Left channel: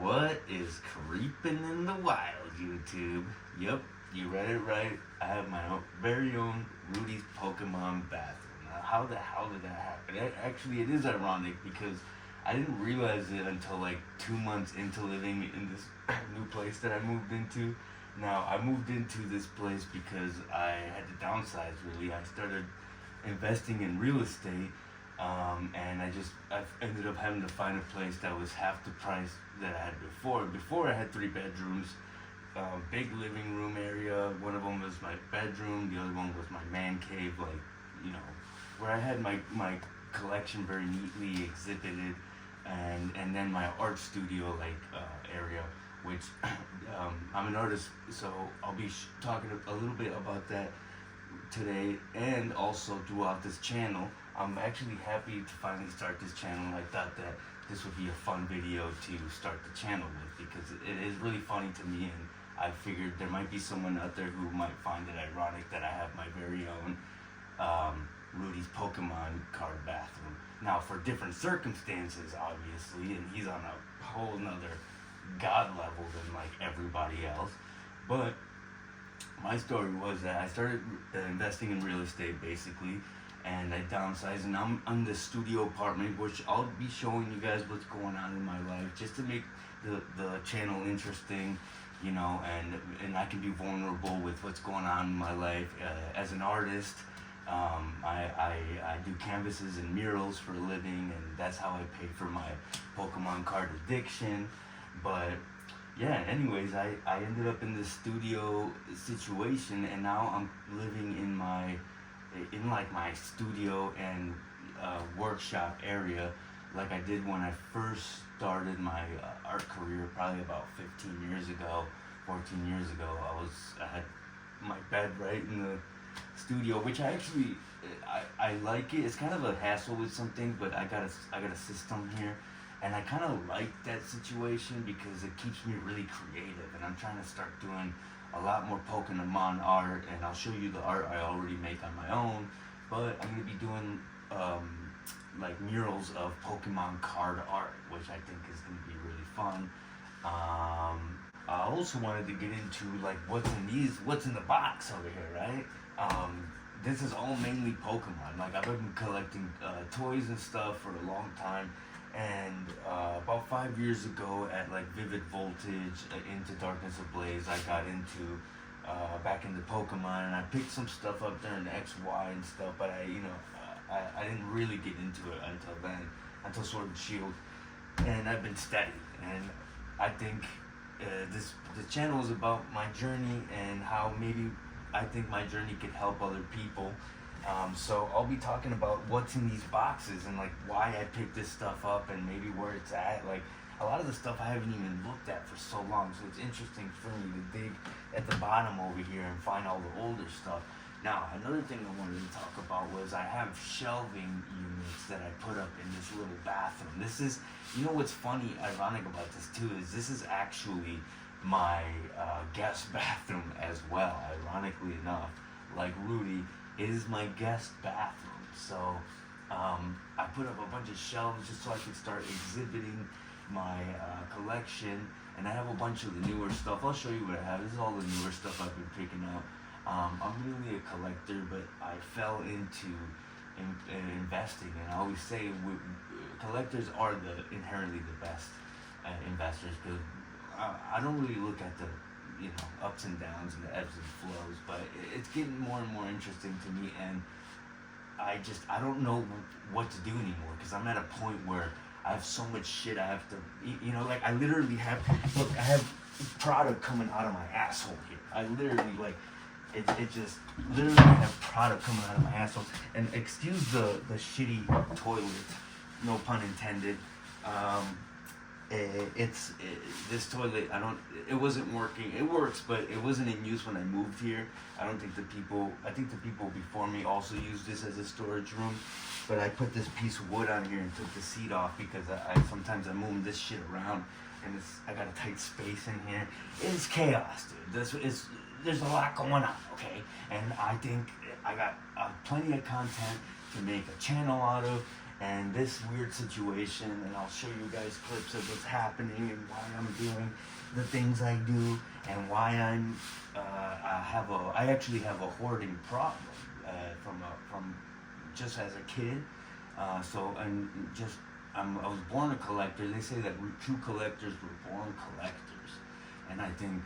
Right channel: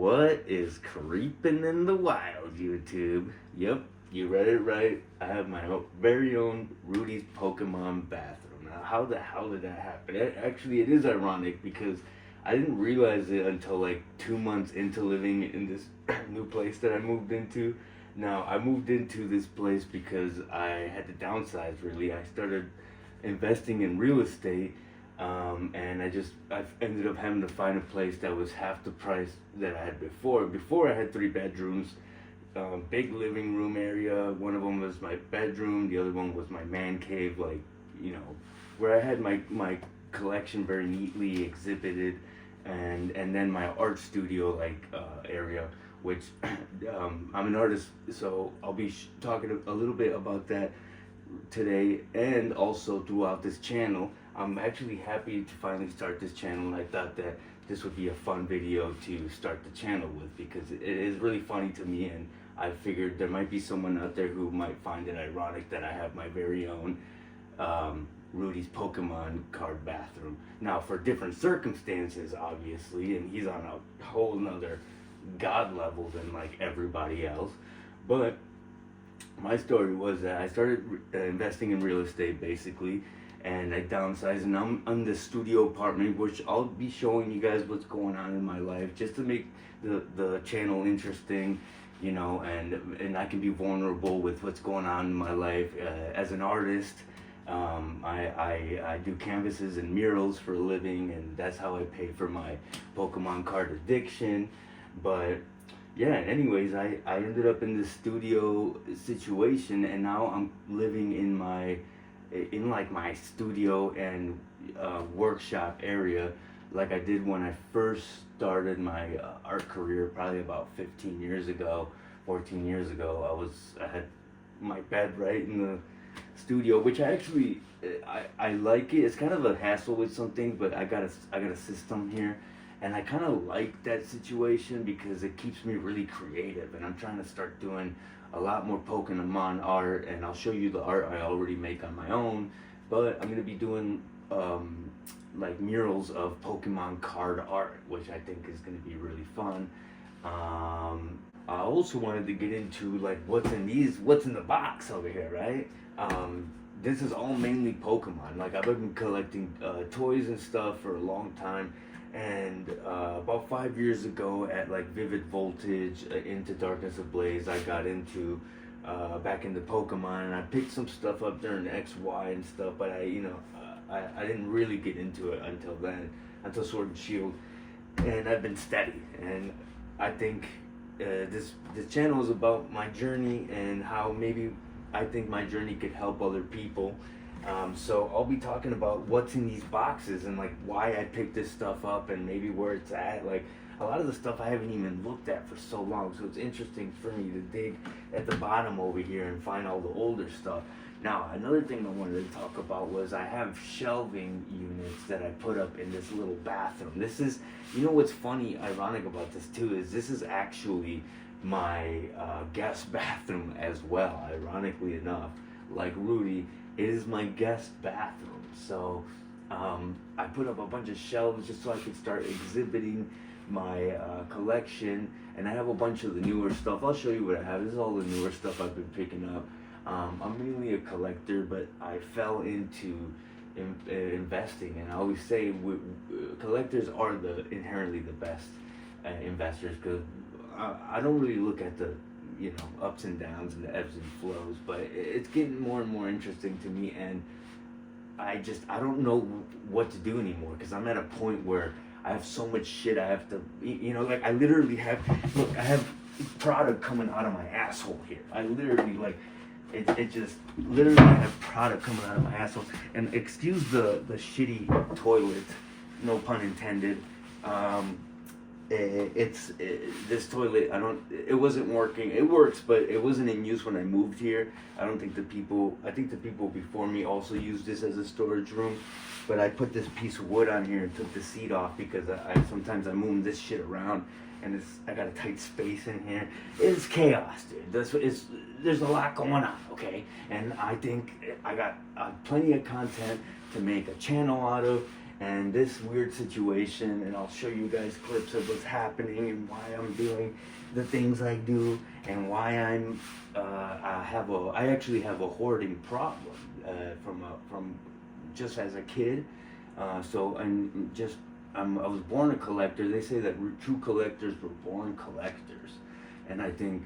What is creeping in the wild, YouTube? Yep, you read it right. I have my very own Rudy's Pokemon bathroom. Now, how the hell did that happen? Actually, it is ironic because I didn't realize it until like 2 months into living in this new place that I moved into. Now, I moved into this place because I had to downsize, really. I started investing in real estate, and I ended up having to find a place that was half the price that I had before. Before, I had 3 bedrooms, big living room area. One of them was my bedroom, the other one was my man cave, like, you know, where I had my collection very neatly exhibited, and then my art studio area, which I'm an artist, so I'll be talking a little bit about that today and also throughout this channel. I'm actually happy to finally start this channel. I thought that this would be a fun video to start the channel with because it is really funny to me, and I figured there might be someone out there who might find it ironic that I have my very own Rudy's Pokemon card bathroom. Now, for different circumstances, obviously, and he's on a whole nother god level than like everybody else, but my story was that I started investing in real estate basically, and I downsized, and I'm in the studio apartment, which I'll be showing you guys what's going on in my life just to make the channel interesting, you know, and I can be vulnerable with what's going on in my life as an artist. I do canvases and murals for a living, and that's how I pay for my Pokemon card addiction. But yeah, anyways, I ended up in this studio situation, and now I'm living in my studio and workshop area like I did when I first started my art career, probably about 15 years ago, 14 years ago. I had my bed right in the studio, which I like it. It's kind of a hassle with something, but I got a system here, and I kind of like that situation because it keeps me really creative, and I'm trying to start doing a lot more Pokemon art, and I'll show you the art I already make on my own, but I'm going to be doing like murals of Pokemon card art, which I think is going to be really fun. I also wanted to get into like what's in the box over here, right? This is all mainly Pokemon. Like, I've been collecting toys and stuff for a long time, and about 5 years ago at like Vivid Voltage, Into Darkness Ablaze, I got into back into Pokemon, and I picked some stuff up during XY and stuff, but I didn't really get into it until then, until Sword and Shield, and I've been steady, and I think the channel is about my journey and how maybe I think my journey could help other people. So I'll be talking about what's in these boxes and like why I picked this stuff up and maybe where it's at. Like, a lot of the stuff I haven't even looked at for so long, so it's interesting for me to dig at the bottom over here and find all the older stuff. Now, another thing I wanted to talk about was I have shelving units that I put up in this little bathroom. This is, you know what's funny, ironic about this too, is this is actually my guest bathroom as well, ironically enough. Like Rudy, it is my guest bathroom. So I put up a bunch of shelves just so I could start exhibiting my collection, and I have a bunch of the newer stuff. I'll show you what I have. This is all the newer stuff I've been picking up. I'm mainly a collector, but I fell into investing, and I always say collectors are inherently the best investors, because I don't really look at the ups and downs and the ebbs and flows, but it's getting more and more interesting to me, and I don't know what to do anymore, because I'm at a point where I have so much shit I have to, like I literally have, look, I have product coming out of my asshole here. I literally, like, it just, literally I have product coming out of my asshole. And excuse the shitty toilet, no pun intended. This toilet, it wasn't working. It works, but it wasn't in use when I moved here. I think the people before me also used this as a storage room. But I put this piece of wood on here and took the seat off because sometimes I move this shit around, and I got a tight space in here. It's chaos, dude. There's a lot going on, okay? And I think I got plenty of content to make a channel out of, And this weird situation, and I'll show you guys clips of what's happening and why I'm doing the things I do, and why I actually have a hoarding problem from just as a kid. I was born a collector. They say that true collectors were born collectors, and I think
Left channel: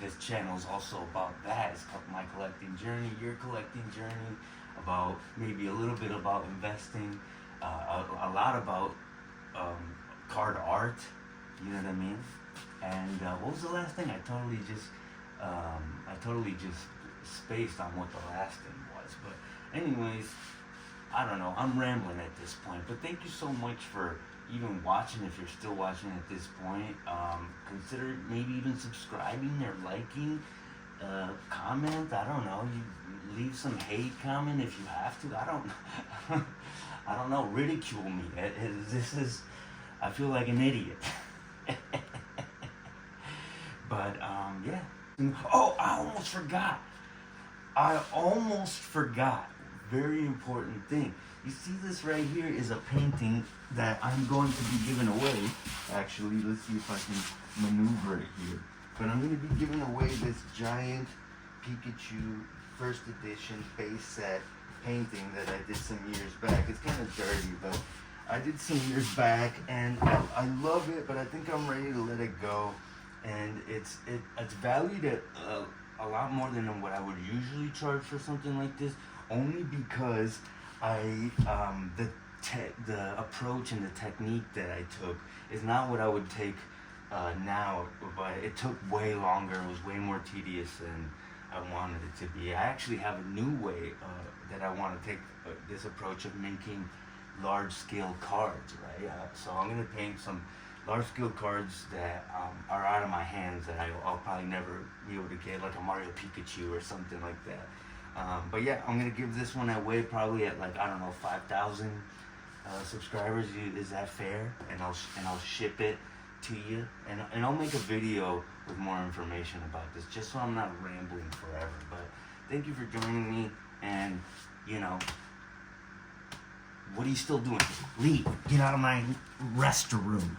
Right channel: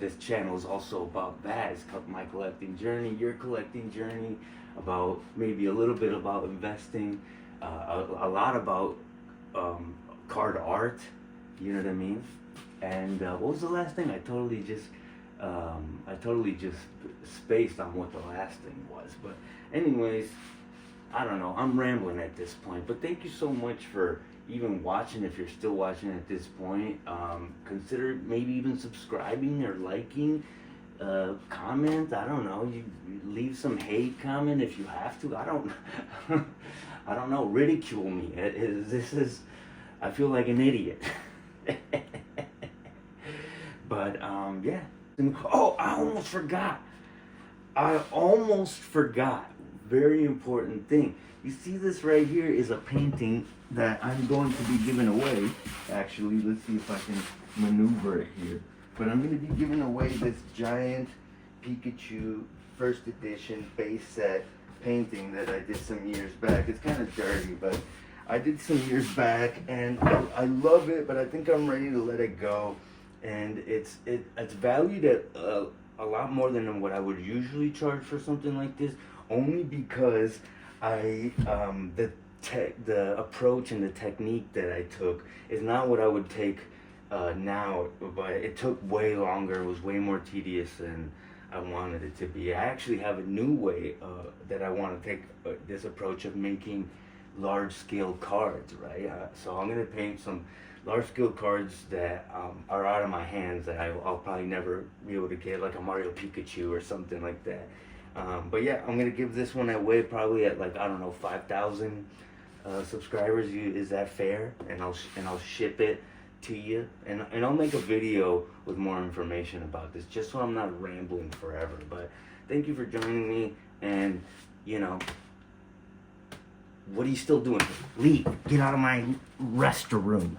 this channel is also about that. It's called my collecting journey, your collecting journey, about maybe a little bit about investing, a lot about card art, you know what I mean? And what was the last thing? I totally just spaced on what the last thing was. But anyways, I don't know, I'm rambling at this point, but thank you so much for even watching. If you're still watching at this point, consider maybe even subscribing or liking, comment. I don't know, you leave some hate comment if you have to. I don't know, ridicule me. I feel like an idiot. But yeah. Oh, I almost forgot. Very important thing. You see, this right here is a painting that I'm going to be giving away. Actually, let's see if I can maneuver it here. But I'm going to be giving away this giant Pikachu first edition base set painting that I did some years back. It's kind of dirty, but I did some years back, and I love it, but I think I'm ready to let it go. And it's valued at a lot more than what I would usually charge for something like this, only because the approach and the technique that I took is not what I would take now, but it took way longer. It was way more tedious than I wanted it to be. I actually have a new way that I want to take this approach of making large-scale cards, right? So I'm going to paint some large-scale cards that are out of my hands that I'll probably never be able to get, like a Mario Pikachu or something like that. But yeah, I'm going to give this one away probably at, like, I don't know, 5,000 subscribers. Is that fair? And I'll ship it to you, and I'll make a video with more information about this, just so I'm not rambling forever. But thank you for joining me, and you know, what are you still doing? Leave. Get out of my restroom.